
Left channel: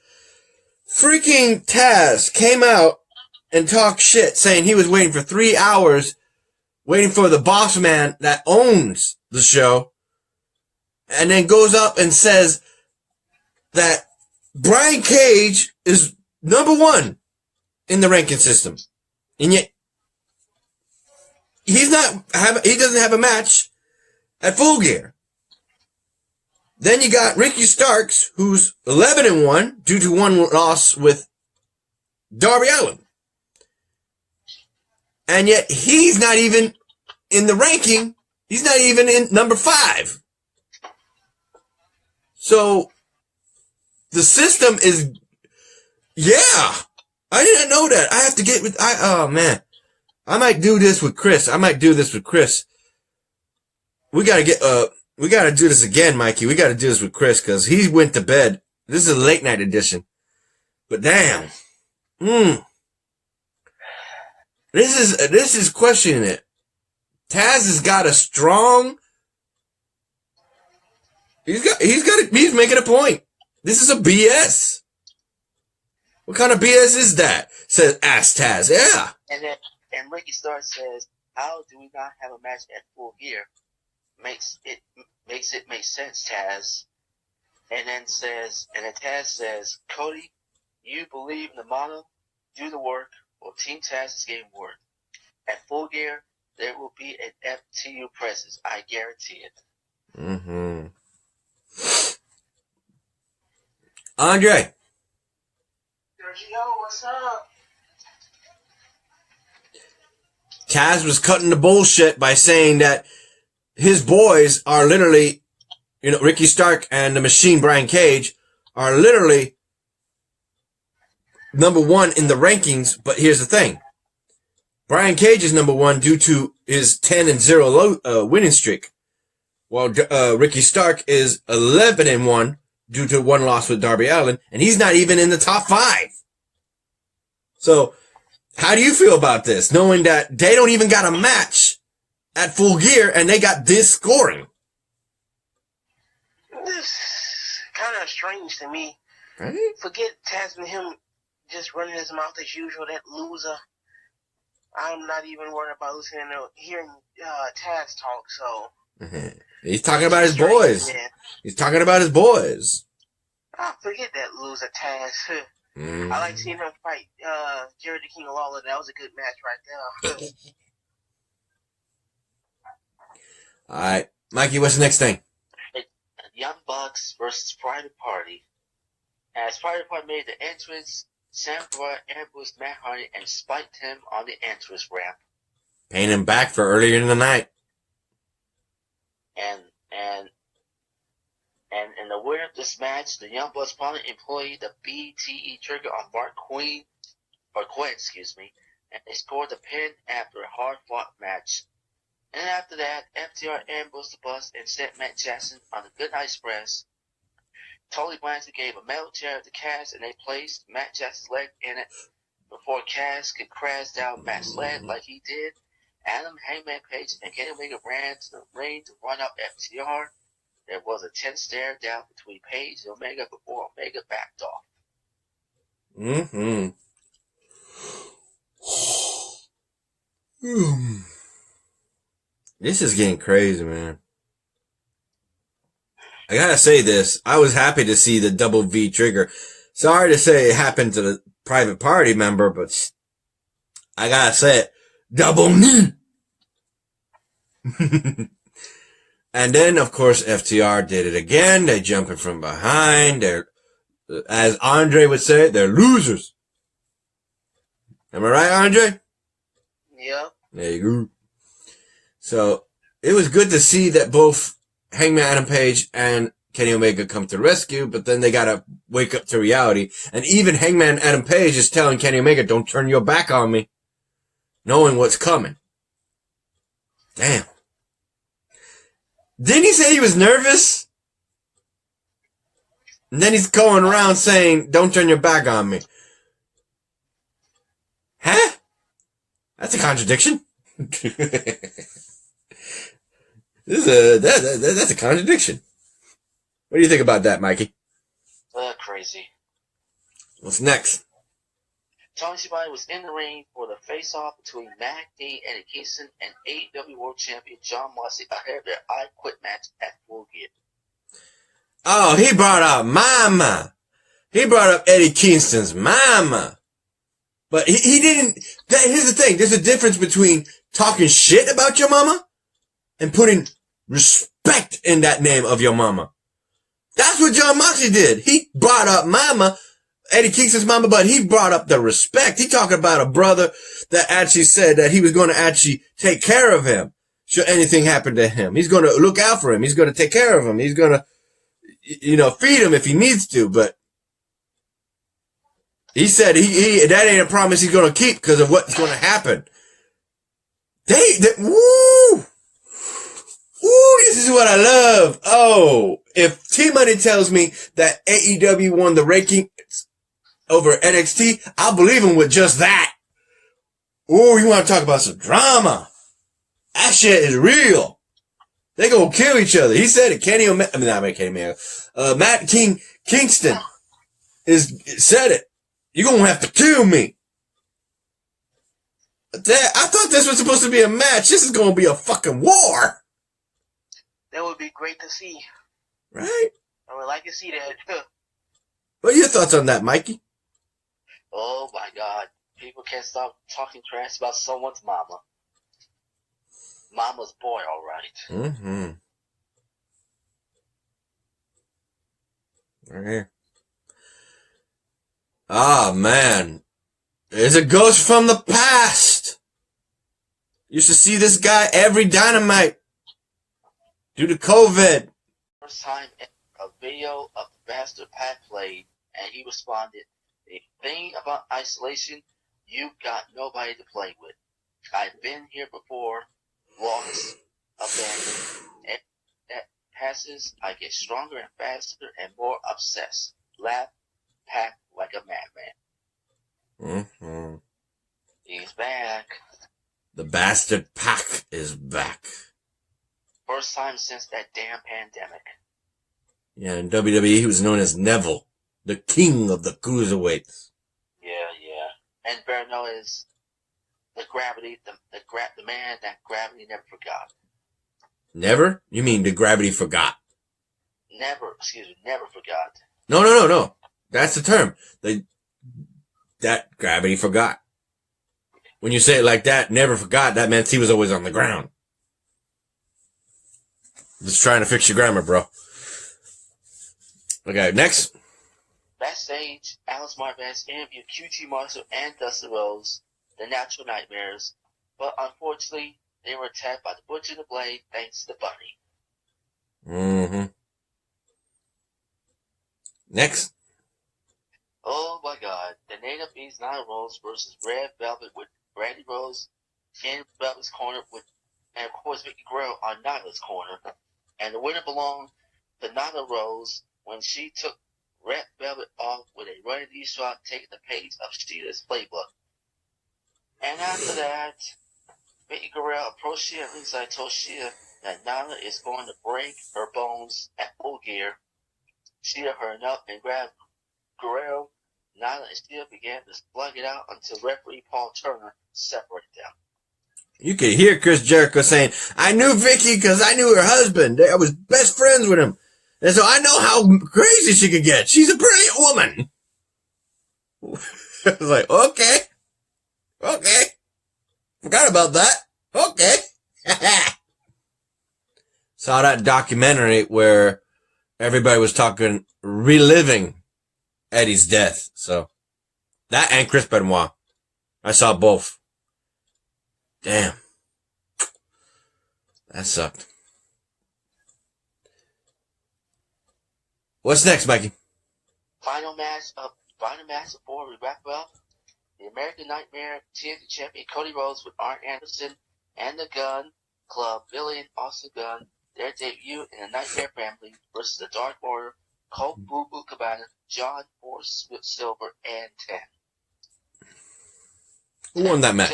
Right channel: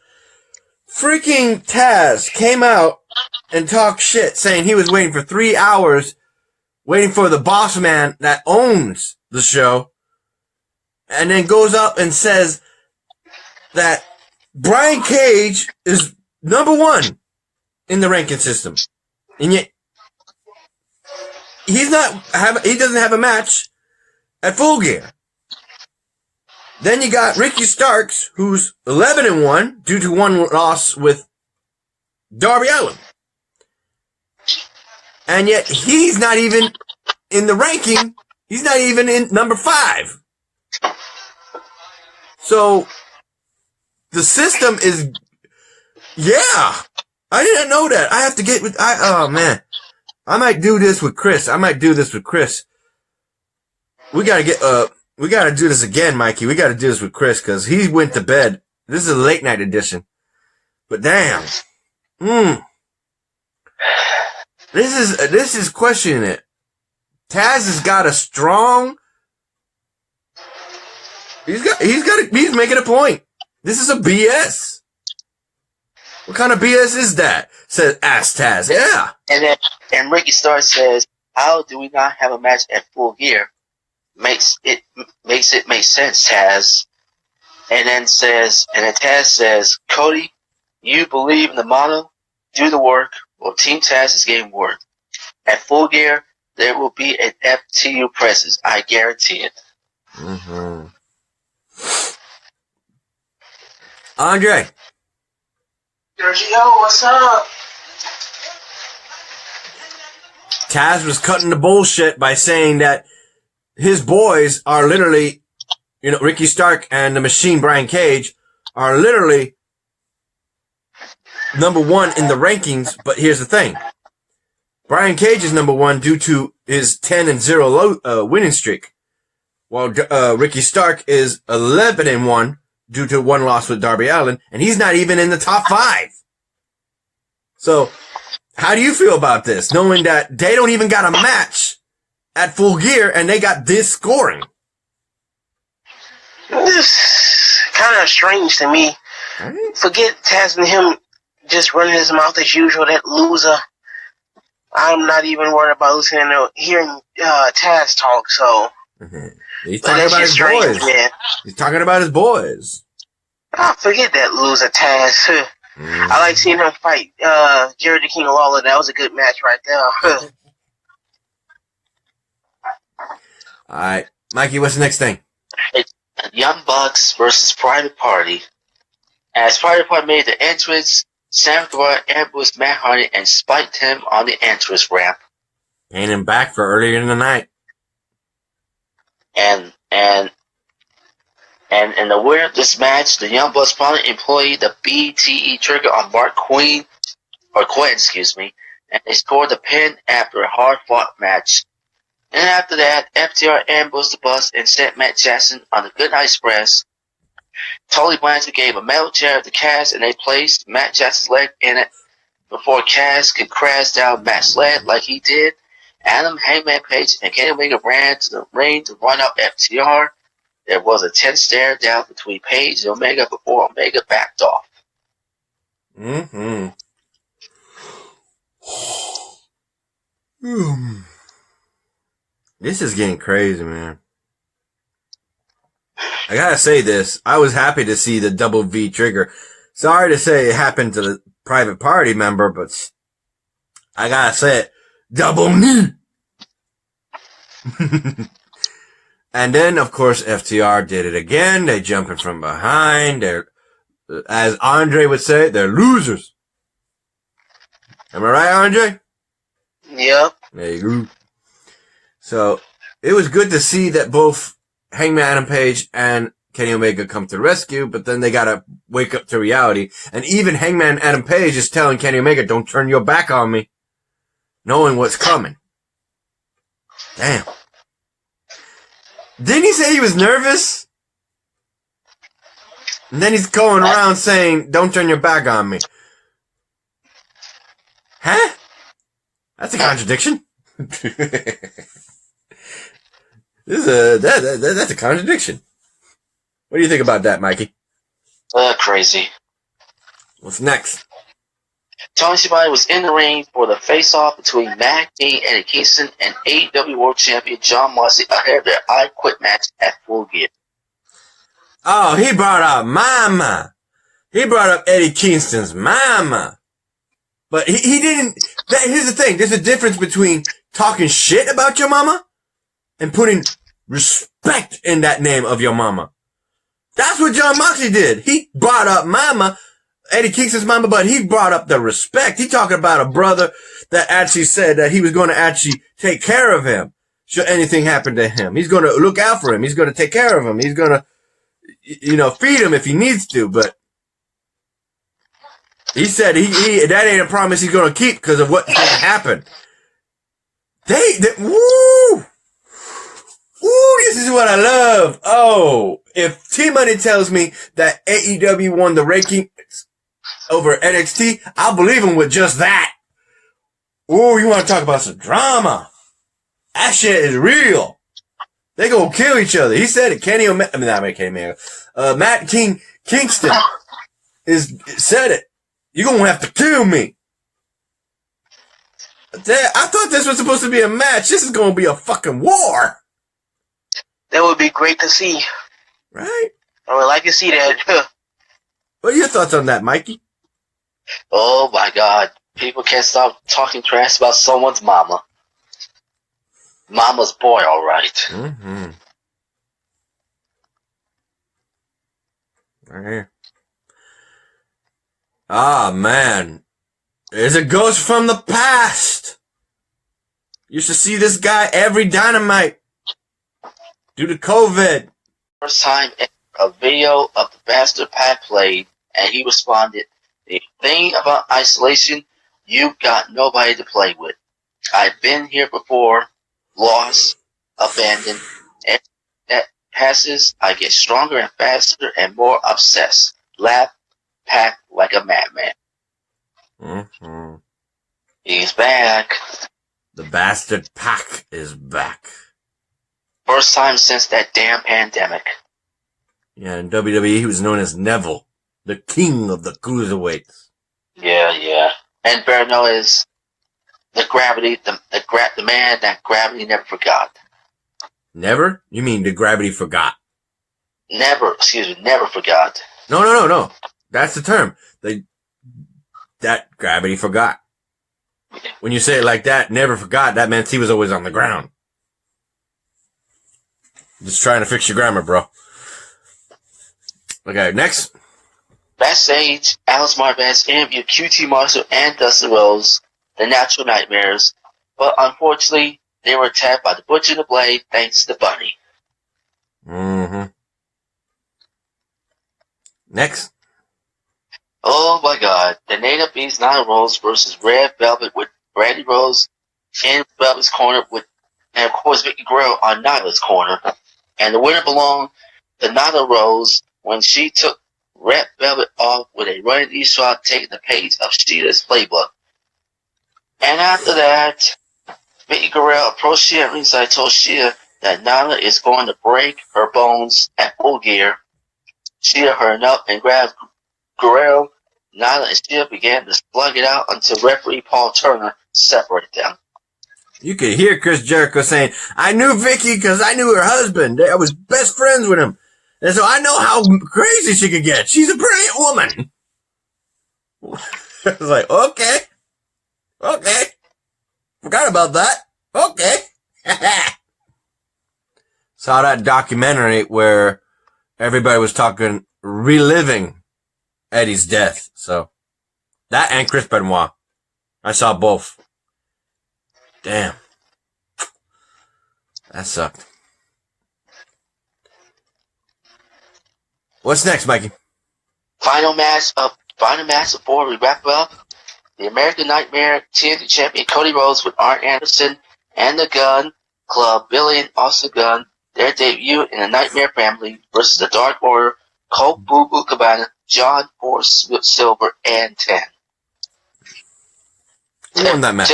Freaking Taz came out and talked shit, saying he was waiting for 3 hours, waiting for the boss man that owns the show, and then goes up and says that Brian Cage is number 1 in the ranking system. And yet, he doesn't have a match at Full Gear. Then you got Ricky Starks, who's 11-1 due to one loss with Darby Allin. And yet he's not even in the ranking. He's not even in number 5. So the system is, yeah, I didn't know that. I have to get with, oh man, I might do this with Chris. We gotta do this again, Mikey. We gotta do this with Chris, cause he went to bed. This is a late night edition. But damn. This is questioning it. Taz has got a strong, he's making a point. This is a BS. What kind of BS is that? Ask Taz. Yeah. And Ricky Starks says, "How do we not have a match at Full Gear? Makes it make sense, Taz." And then Taz says, "Cody, you believe in the motto, do the work." Well, Team Taz is getting work. At Full Gear, there will be an FTU presence. I guarantee it. Mm-hmm. Andre. Sergio, what's up? Taz was cutting the bullshit by saying that his boys are literally, Ricky Stark and the Machine Brian Cage are literally number 1 in the rankings. But here's the thing. Brian Cage is number 1 due to his 10-0 winning streak, while Ricky Stark is 11-1 due to one loss with Darby Allin, and he's not even in the top 5. So, how do you feel about this, knowing that they don't even got a match at Full Gear and they got this scoring? This kind of strange to me. Right? Forget Taz and him just running his mouth as usual, that loser. I'm not even worried about listening to hearing Taz talk, so. He's talking about his boys. Man. He's talking about his boys. Oh, forget that loser Taz. I like seeing him fight Jerry the King Lawler. That was a good match right there. All right. Mikey, what's the next thing? Young Bucks versus Private Party. As Private Party made the entrance, Sam Guevara ambushed Matt Hardy and spiked him on the entrance ramp. Paying him back for earlier in the night. And in the winner of this match, the Young Bucks finally employed the BTE trigger on Quinn, and they scored the pin after a hard-fought match. And after that, FTR ambushed the Bucks and sent Matt Jackson on the Goodnight Express. Tully Blanchard gave a metal chair to Cass, and they placed Matt Jackson's leg in it before Cass could crash down Matt's leg like he did. Adam, Hangman Page, and Kenny Omega ran to the ring to run up FTR. There was a tense stare down between Page and Omega before Omega backed off. Mm-hmm. This is getting crazy, man. I gotta say this. I was happy to see the double V trigger. Sorry to say it happened to the private party member, but I gotta say it. Double knee! And then, of course, FTR did it again. They jumping from behind. They're, as Andre would say, they're losers. Am I right, Andre? Yep. There you go. So, it was good to see that both Hangman Adam Page and Kenny Omega come to the rescue, but then they gotta wake up to reality. And even Hangman Adam Page is telling Kenny Omega, don't turn your back on me, knowing what's coming. Damn. Didn't he say he was nervous? And then he's going around saying, don't turn your back on me. Huh? That's a contradiction. That's a contradiction. What do you think about that, Mikey? Crazy. What's next? Tony Schiavone was in the ring for the face-off between Matt King, Eddie Kingston, and AEW World Champion John Moxley ahead of their I Quit match at Full Gear. Oh, he brought up Mama. He brought up Eddie Kingston's Mama. But he didn't. Here's the thing. There's a difference between talking shit about your mama and putting respect in that name of your mama. That's what John Moxley did. He brought up Mama, Eddie Kingston's mama, but he brought up the respect. He talking about a brother that actually said that he was going to actually take care of him should anything happen to him. He's going to look out for him. He's going to take care of him. He's going to, feed him if he needs to. But he said he that ain't a promise he's going to keep because of what's going to happen. Woo! Ooh, this is what I love. Oh, if T-Money tells me that AEW won the rankings over NXT, I'll believe him with just that. Ooh, you want to talk about some drama? That shit is real. They gonna kill each other. He said it. Matt Kingston said it. You're gonna have to kill me. I thought this was supposed to be a match. This is gonna be a fucking war. That would be great to see. Right? I would like to see that. What are your thoughts on that, Mikey? Oh my God. People can't stop talking trash about someone's mama. Mama's boy, alright. Mm-hmm. Right here. Ah, man. There's a ghost from the past. Used to see this guy every Dynamite. Due to COVID. First time a video of the Bastard Pat played, and he responded, the thing about isolation, you've got nobody to play with. I've been here before, lost, abandoned, and that passes, I get stronger and faster and more obsessed. Laugh, pack like a madman. Mm-hmm. He's back. The Bastard Pack is back. First time since that damn pandemic. Yeah, in WWE, he was known as Neville, the king of the cruiserweights. Yeah. And Berno is the gravity, the man that gravity never forgot. Never? You mean the gravity forgot? Never forgot. No. That's the term. That gravity forgot. When you say it like that, never forgot, that meant he was always on the ground. Just trying to fix your grammar, bro. Okay, next. Backstage, Alice Marvez interviewed QT Marshall and Dustin Rhodes, the Natural Nightmares, but unfortunately, they were attacked by the Butcher and the Blade thanks to Bunny. Mm-hmm. Next. Oh my God. The Native Beast Nine Rose versus Red Velvet with Brandy Rose in Velvet's corner and of course Vicky Guerrero on Nyla's corner. And the winner belonged to Nyla Rose when she took Red Velvet off with a running knee shot, taking the page of Sheeta's playbook. And after that, Vicky Guerrero approached Shea at ringside, told Shea that Nyla is going to break her bones at Full Gear. Shea hurried up and grabbed Guerrero. Nyla and Shea began to slug it out until referee Paul Turner separated them. You could hear Chris Jericho saying, I knew Vicky because I knew her husband. I was best friends with him. And so I know how crazy she could get. She's a brilliant woman. I was like, okay. Forgot about that. Okay. Saw that documentary where everybody was reliving Eddie's death. So that and Chris Benoit. I saw both. Damn. That sucked. What's next, Mikey? Final match before we wrap up. The American Nightmare TNT Champion Cody Rhodes with Arn Anderson and the Gun Club, Billy and Austin Gunn, their debut in the Nightmare Family versus the Dark Order, Colt Boo Boo Cabana, John Force Silver, and 10. Who won that match?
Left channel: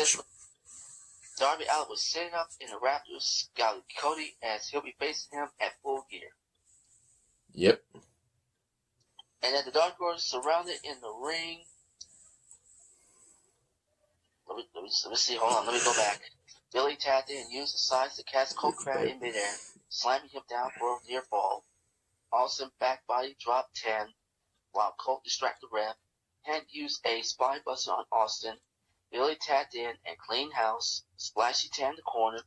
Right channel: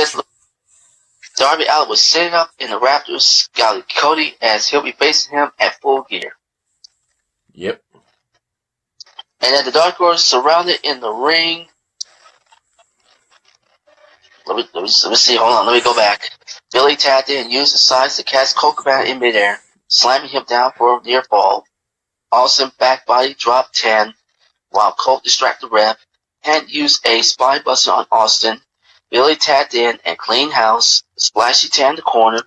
Darby Allin was sitting up in the Raptors, scouting Cody as he'll be facing him at Full Gear. Yep. And then the Dark Order surrounded in the ring. Let me see. Hold on. Let me go back. Billy tapped in and used the sides to catch Colt Cabana in midair, slamming him down for a near fall. Austin back body drop 10, while Colt distracted the ref and used a spine buster on Austin. Billy tapped in and clean house, splashy 10 in the corner.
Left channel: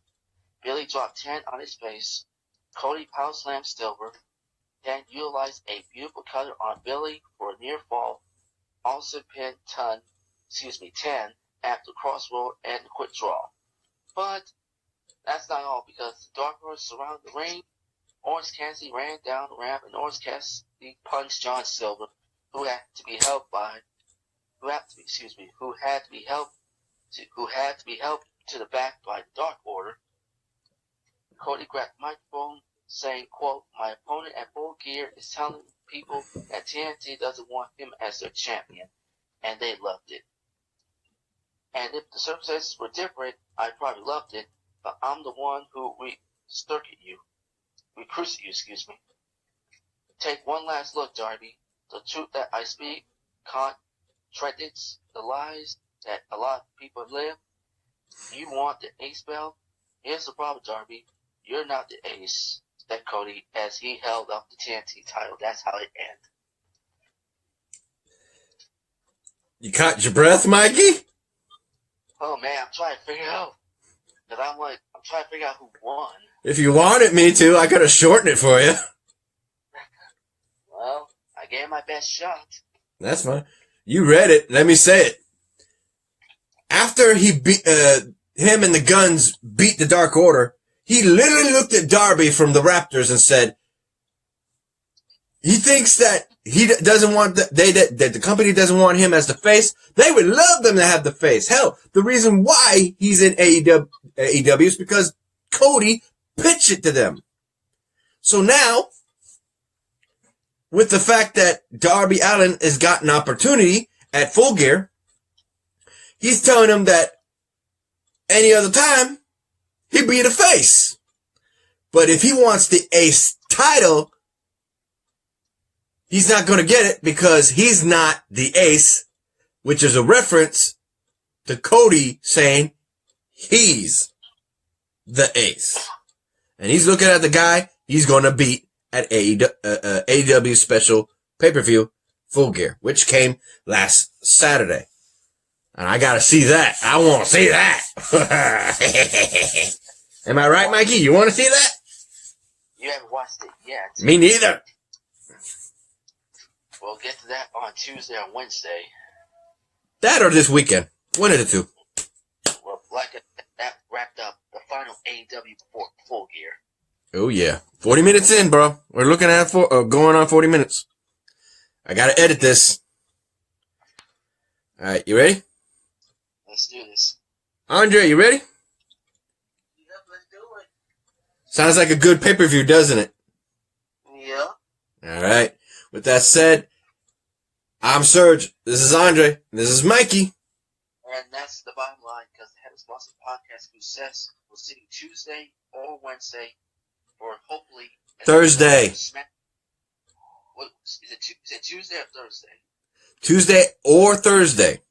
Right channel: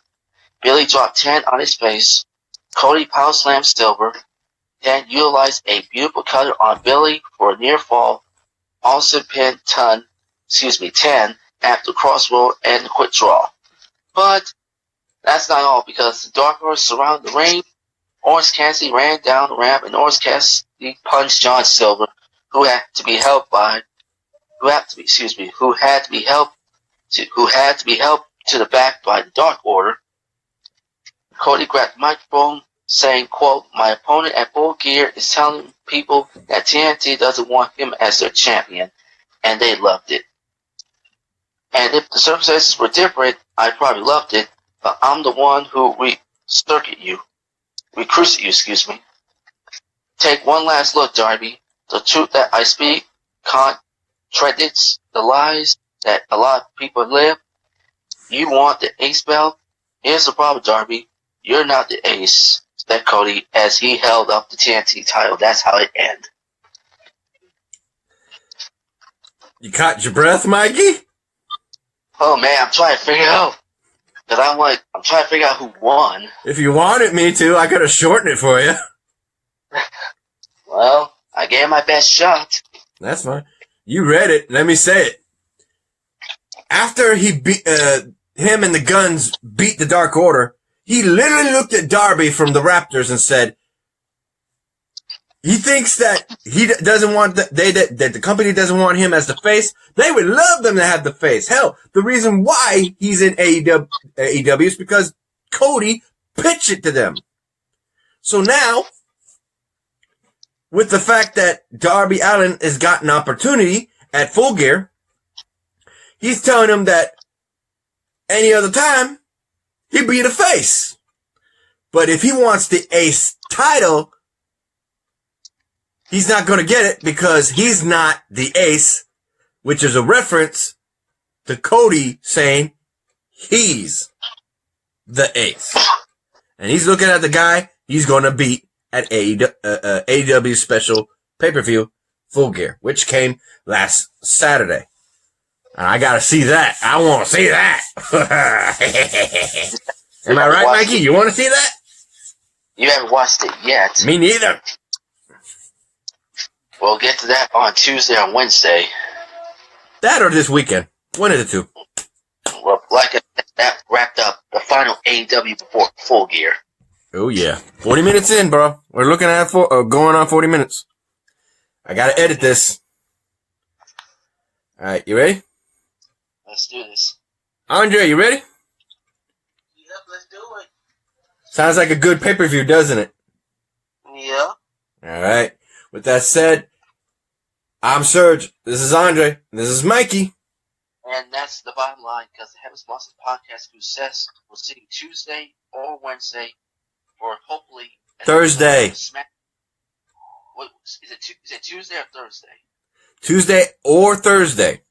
Billy dropped 10 on his face. Cody power slammed Silver. Then utilized a beautiful cutter on Billy for a near fall. Austin pinned 10 after crossroad and the quick draw. But that's not all, because the Dark Order surrounded the ring. Orange Cassidy ran down the ramp and Orange Cassidy punched John Silver, who had to be helped to the back by the Dark Order. Cody grabbed the microphone, saying, quote, "My opponent at Full Gear is telling people that TNT doesn't want him as their champion," and they loved it. And if the circumstances were different, I probably loved it, but I'm the one who recruited you. Take one last look, Darby. The truth that I speak contradicts the lies that a lot of people live. You want the ace belt? Here's the problem, Darby. You're not the ace, said Cody as he held up the TNT title. That's how it ended. You caught your breath, Mikey? Oh man, I'm trying to figure out. Because I'm trying to figure out who won. If you wanted me to, I could have shortened it for you. Well, I gave my best shot. That's fine. You read it. Let me say it. After he beat, him and the Guns beat the Dark Order, he literally looked at Darby from the Raptors and said, he thinks that he doesn't want that the company doesn't want him as the face. They would love them to have the face. Hell, the reason why he's in AEW is because Cody pitched it to them. So now, with the fact that Darby Allin has got an opportunity at Full Gear, he's telling him that any other time, he'd be the face. But if he wants the ace title, he's not going to get it because he's not the ace, which is a reference to Cody saying he's the ace. And he's looking at the guy he's going to beat at AEW special pay-per-view Full Gear, which came last Saturday. And I got to see that. I want to see that. Am I right, Mikey? You want to see that? You haven't watched it yet. Me neither. We'll get to that on Tuesday or Wednesday. That or this weekend. One of the two. Well, like that wrapped up the final AEW before Full Gear. Oh, yeah. 40 minutes in, bro. We're looking at going on 40 minutes. I got to edit this. All right, you ready? Let's do this. Andre, you ready? Yep, let's do it. Sounds like a good pay-per-view, doesn't it? Yeah. All right. With that said, I'm Serge. This is Andre. And this is Mikey. And that's the bottom line, because the Heaven's Monster Podcast Success will see you Tuesday or Wednesday, or hopefully Thursday. What is it Tuesday or Thursday? Tuesday or Thursday.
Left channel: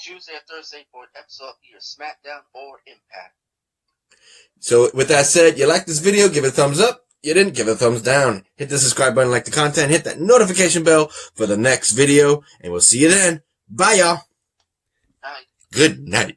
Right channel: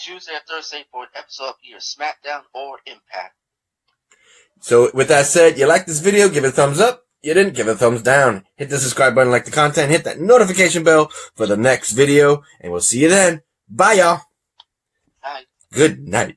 Tuesday or Thursday for an episode of either SmackDown or Impact. So with that said, you like this video, give it a thumbs up. You didn't, give it a thumbs down. Hit the subscribe button, like the content, hit that notification bell for the next video, and we'll see you then. Bye, y'all. Bye. Good night.